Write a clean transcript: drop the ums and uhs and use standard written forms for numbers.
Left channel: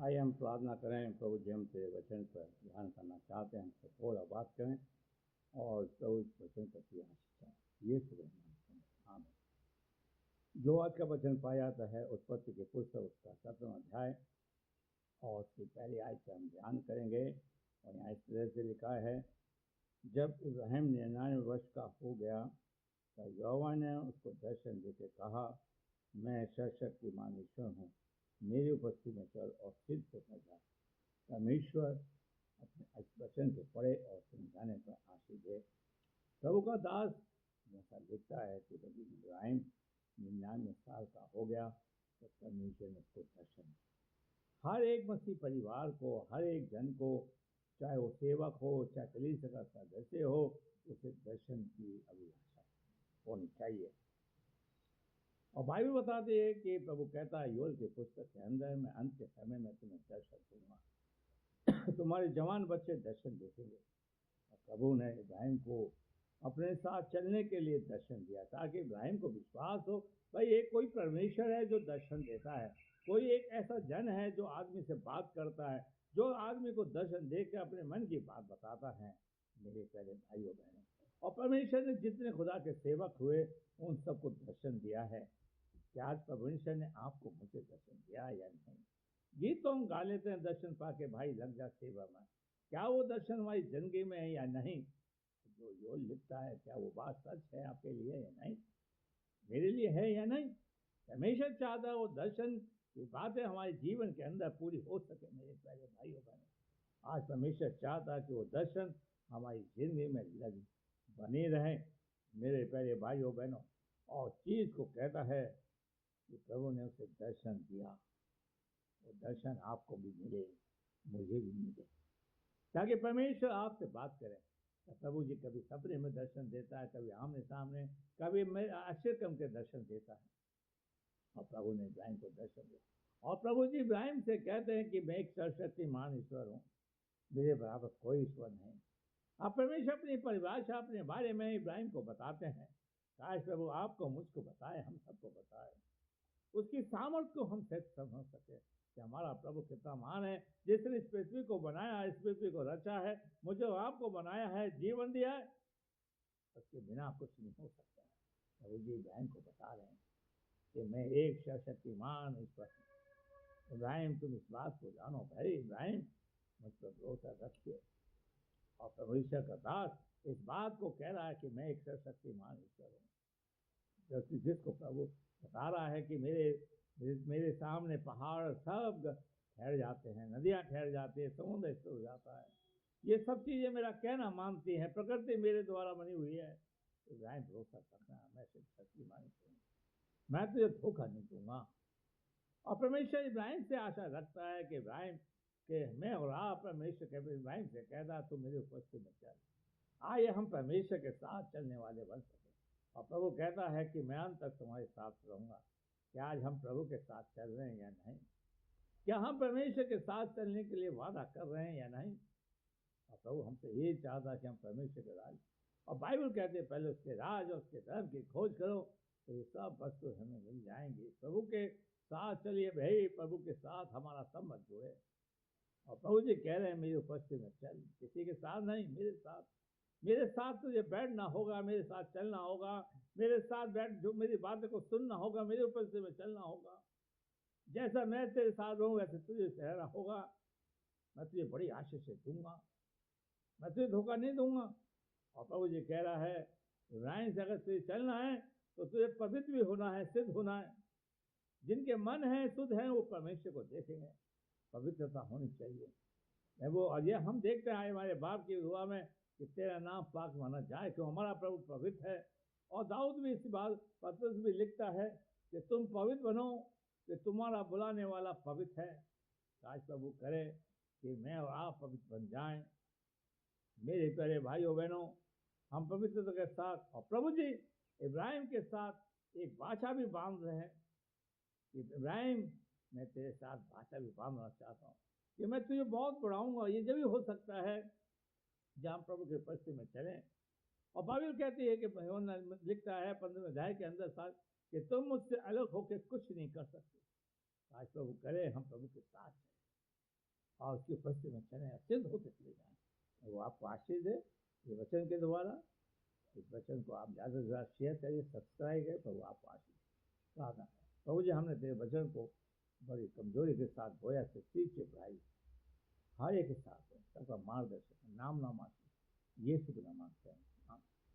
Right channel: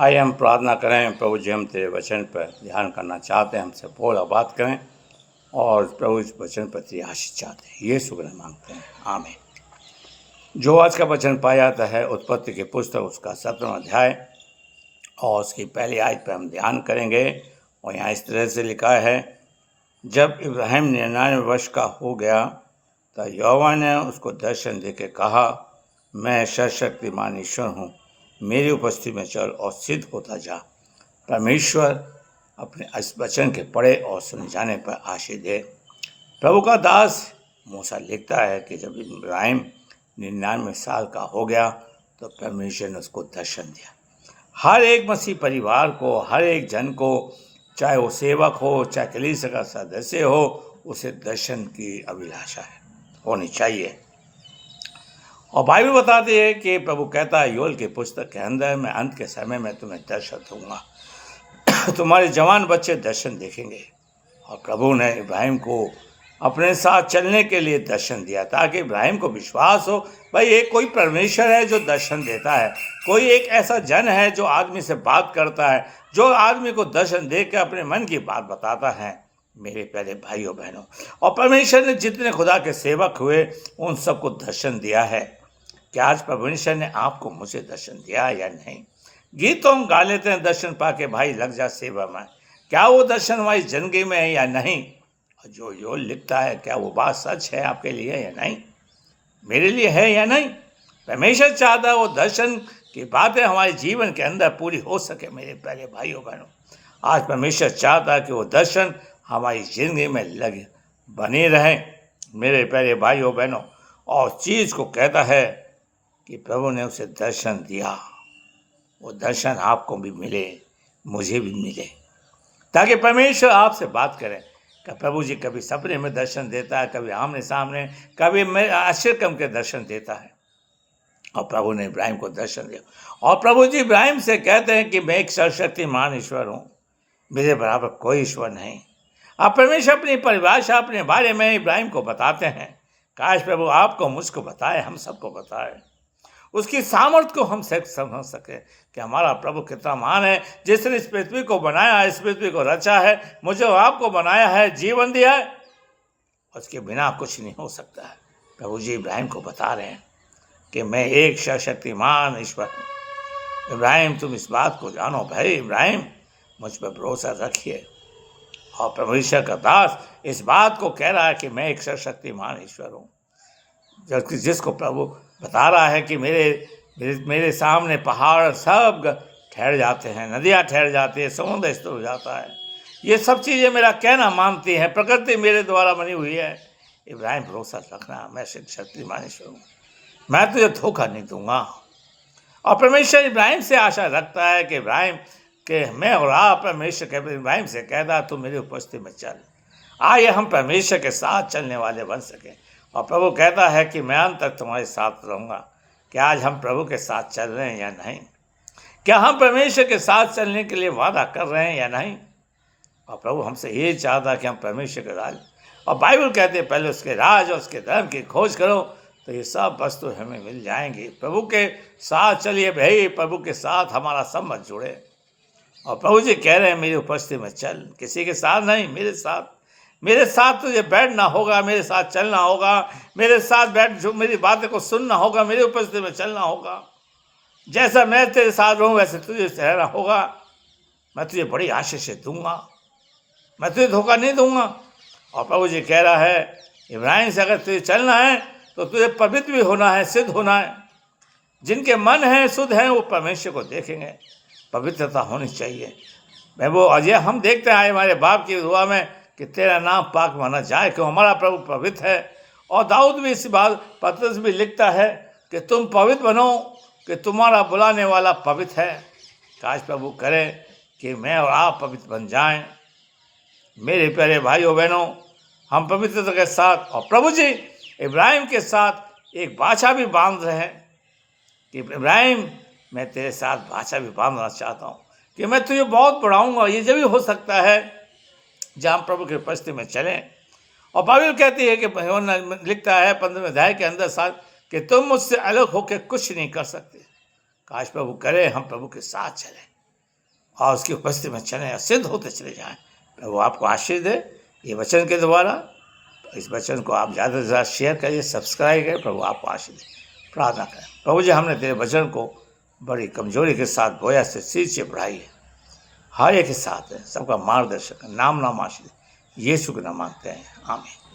आइए हम प्रार्थना करें। प्रभु जी, हम तेरे वचन पर ध्यान करना चाहते हैं, हमसे बोल और बात करें और प्रभु इस वचन पर तेरी आशीष चाहते हैं। ये शुक्र मांगते हैं, आमीन। जो आज का वचन पाया जाता है उत्पत्ति की पुस्तक उसका 17वां अध्याय और उसकी पहली आयत पर हम ध्यान करेंगे। और यहाँ इस तरह से लिखा है, जब इब्राहिम 99 वर्ष का हो गया तो यहोवा ने उसको दर्शन देके कहा, मैं सर्वशक्तिमान ईश्वर हूँ, मेरी उपस्थिति में चल और सिद्ध होता जा। परमेश्वर अपने इस वचन के पढ़े और सुने जाने पर आशीष दे। प्रभु का दास मूसा लिखता है कि जब इब्राहिम 99 साल का हो गया तो परमेश्वर ने उसको दर्शन दिया। हर एक मसीह परिवार को, हर एक जन को, चाहे वो सेवक हो, चाहे कलीसिया का सदस्य हो, उसे दर्शन की अभिलाषा है, होनी चाहिए। और बाइबल बताती है कि प्रभु कहता है योएल की पुस्तक के अंदर, मैं अंत के समय में तुम्हें दर्शन दूंगा। तुम्हारे जवान बच्चे दर्शन देखेंगे। और प्रभु ने इब्राहिम को अपने साथ चलने के लिए दर्शन दिया ताकि इब्राहिम को विश्वास हो, भाई एक कोई परमेश्वर है जो दर्शन देता है, कोई एक ऐसा जन है जो आदमी से बात करता है, जो आदमी को दर्शन दे के अपने मन की बात बताता है। मेरे प्यारे भाइयों बहनों, और परमेश्वर ने जितने खुदा के सेवक हुए उन सबको दर्शन दिया है। क्या आज परमेश्वर ने आपको मुझे दर्शन दिया या नहीं? गीत तो हम गा लेते हैं, दर्शन पाके भाई लग जा सेवा में। क्या वो दर्शन हमारी जिंदगी में है या नहीं? और जो योएल लिखता है, क्या वो बात सच है आपके लिए या नहीं, मेरे लिए है या नहीं? परमेश्वर चाहता है वो दर्शन की बातें हमारे जीवन के अंदर पूरी हो सके। मेरे प्यारे भाइयों बहनों, आज परमेश्वर चाहता है कि वो दर्शन हमारी जिंदगी में लगे बने रहे। मेरे प्यारे भाइयों बहनों, और चीज को कहता है कि प्रभु ने उसे दर्शन दिया। वो दर्शन आपको भी मिले, मुझे भी मिले, ताकि परमेश्वर आपसे बात करें। कि प्रभु जी कभी सपने में दर्शन देता है, कभी आमने सामने, कभी आश्चर्यक्रम के दर्शन देता है। और प्रभु ने इब्राहिम को दर्शन दिया। और प्रभु जी इब्राहिम से कहते हैं कि मैं एक सर्वशक्तिमान ईश्वर हूँ, मेरे बराबर कोई ईश्वर नहीं। अब परमेश्वर अपनी परिभाषा अपने बारे में इब्राहिम को बताते हैं। काश प्रभु आपको, मुझको बताए, हम सबको बताए, उसकी सामर्थ्य को हम समझ सके कि हमारा प्रभु कितना महान है, जिसने इस पृथ्वी को बनाया, इस पृथ्वी को रचा है, मुझे आपको बनाया है, जीवन दिया है, उसके बिना कुछ नहीं हो सकता है। प्रभु जी इब्राहिम को बता रहे हैं कि मैं एक सर्वशक्तिमान ईश्वर हूँ। इब्राहिम तुम इस बात को जानो, भाई इब्राहिम मुझ पर भरोसा रखिए। और परमेश्वर का दास इस बात को कह रहा है कि मैं एक सर्वशक्तिमान ईश्वर हूँ, जिसको प्रभु बता रहा है कि मेरे सामने पहाड़ सब ठहर जाते हैं, नदियाँ ठहर जाती है, समुद्र स्थिर हो जाता है। ये सब चीज़ें मेरा कहना मानती हैं, प्रकृति मेरे द्वारा बनी हुई है। इब्राहिम भरोसा रखना, मैं शक्तिमान ईश्वर हूँ, मैं तुझे धोखा नहीं दूंगा। और परमेश्वर इब्राहिम से आशा रखता है कि इब्राहिम के मैं और आप, परमेश्वर के इब्राहिम से कहता तू मेरी उपस्थिति में चल। आइए हम परमेश्वर के साथ चलने वाले बन सकें। और प्रभु कहता है कि मैं अंत तक तुम्हारे साथ रहूँगा। क्या आज हम प्रभु के साथ चल रहे हैं या नहीं? क्या हम परमेश्वर के साथ चलने के लिए वादा कर रहे हैं या नहीं? और प्रभु हमसे ये चाहता कि हम परमेश्वर के राज, और बाइबल कहते हैं पहले उसके राज और उसके धर्म की खोज करो तो ये सब वस्तु हमें मिल जाएंगी। प्रभु के साथ चलिए भाई, प्रभु के साथ हमारा संबंध जुड़े। और प्रभु जी कह रहे हैं मेरी उपस्थिति में चल, किसी के साथ नहीं, मेरे साथ। मेरे साथ तुझे बैठना होगा, मेरे साथ चलना होगा, मेरे साथ बैठ जो मेरी बातें को सुनना होगा, मेरी उपस्थिति में चलना होगा। जैसा मैं तेरे साथ रहूं वैसे तुझे रहना होगा। मैं तुझे बड़ी आशीष से दूंगा, मैं तुझे धोखा नहीं दूंगा। और प्रभु जी कह रहा है इब्राहिम से अगर तुझे चलना है तो तुझे पवित्र भी होना है, सिद्ध होना है। जिनके मन हैं, शुद्ध हैं, वो परमेश्वर को देखेंगे। पवित्रता होनी चाहिए। मैं वो अजय हम देखते हैं हमारे बाप की दुआ में कि तेरा नाम पाक माना जाए, कि हमारा प्रभु पवित्र है। और दाऊद भी इस बात पत्रस भी लिखता है कि तुम पवित्र बनो, कि तुम्हारा बुलाने वाला पवित्र है। काश प्रभु करे कि मैं और आप पवित्र बन जाएं। मेरे प्यारे भाइयों बहनों, हम पवित्रता के साथ, और प्रभु जी इब्राहिम के साथ एक बाछा भी बांध रहे हैं कि इब्राहिम मैं तेरे साथ बाछा भी बांधना चाहता हूँ कि मैं तुझे बहुत बढ़ाऊँगा। ये जब भी हो सकता है जहाँ हम प्रभु की उपस्थिति में चलें। और बाइबल कहती है कि लिखता है 15वें अध्याय के अंदर साथ कि तुम मुझसे अलग होकर कुछ नहीं कर सकते। काश प्रभु करे हम प्रभु के साथ चलें। और उसकी उपस्थिति में चले, सिद्ध होते चले जाएं। प्रभु आपको आशीष दे ये वचन के द्वारा। इस वचन को आप ज़्यादा से ज़्यादा शेयर करिए, सब्सक्राइब करें। प्रभु आपको आशीष दे। प्रार्थना करें। प्रभु जी, हमने तेरे वचन को बड़ी कमजोरी के साथ बोया से सिर से बढ़ाई है, हर एक के साथ है, सबका मार्गदर्शक नाम आशीष यीशु के नाम मांगते हैं, आमीन।